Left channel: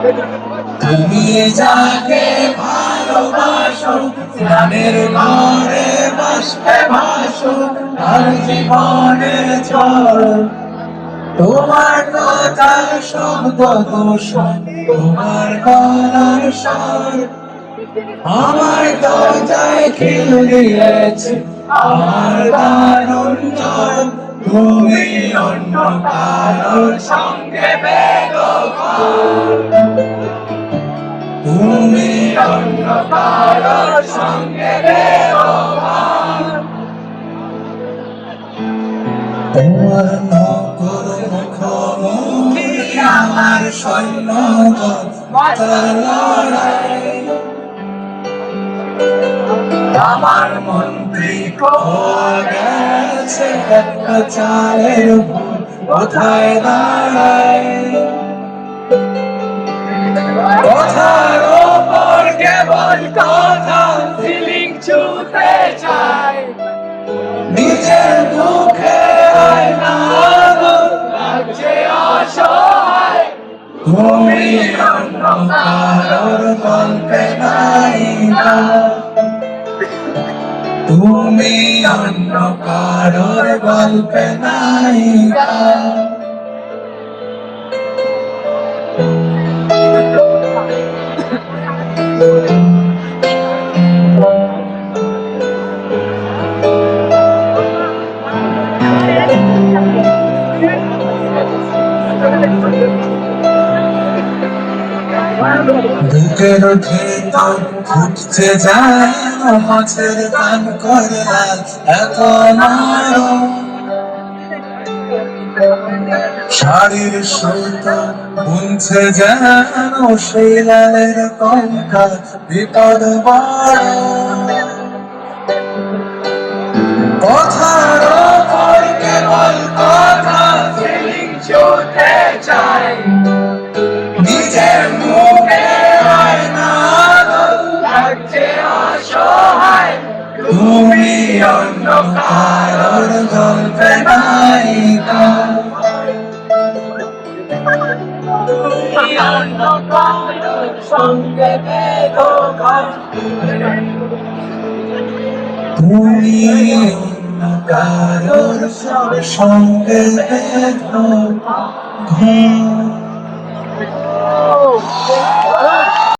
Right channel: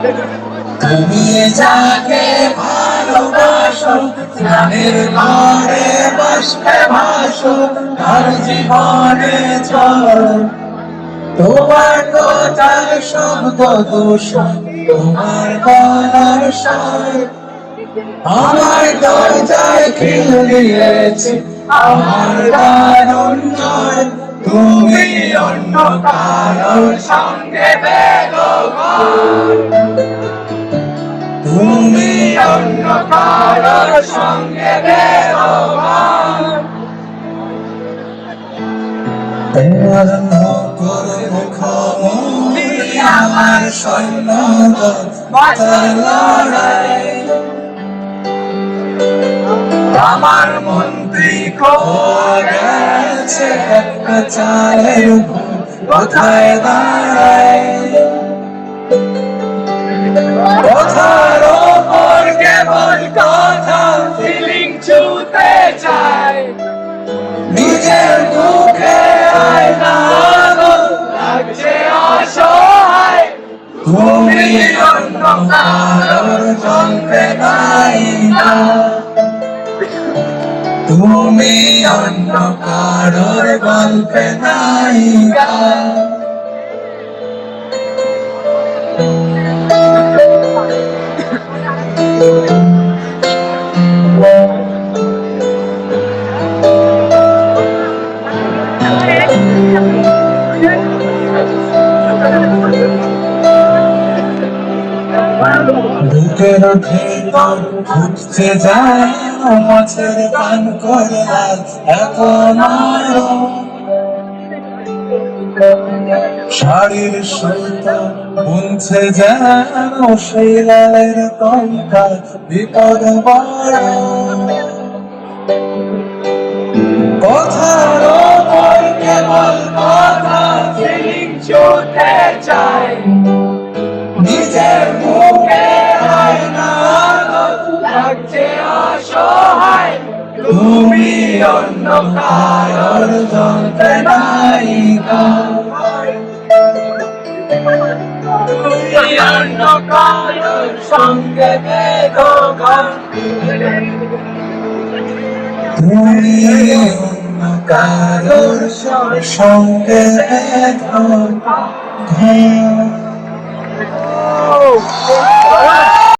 তুমি যাকে ভালোবাসো প্রাণের ঘরে বাসবে ভাসো তার জীবনে চল। তোমার কথার শব্দ দূষণ তোমার গলার স্বর আমার দরজায় খিল দিয়েছে আমার দারুণ জয়। তুমি অন্য কারোর সঙ্গে বেদখল, তুমি অন্য কারোর সঙ্গে বেদখল। তোমার নকল মুখোমুখি আমার সৈন্যদল মাথার লড়াই। আমার মন্ত্রী গেছে একটা চালের উপর কোথায় দাঁড়ায়। কথার ওপর কেবল কথা ফিলিং ছুঁতে চায়। নিজের মুখে আয়না লাগছে অসহায়। তুমি অন্য কারোর গল্পে নায়িকা, তুমি অন্য কারোর গল্পে নায়িকা। বুকের ভেতর ফুটছে যায় মাছের গান করে এখন আরো। শাড়ির সুতো বুনছে যেন সেই লালের কঙ্কা বিপদ বড়। কথার ওপর কেবল কথা ফিলিং ছুঁতে চাই। নিজের মুখে আয়না লাগছে অসহায়। তুমি অন্য কারোর গল্পে নায়িকা, তুমি অন্য কারোর সঙ্গে বেদখল। তুমি অন্য কারোর সঙ্গে বেদখল।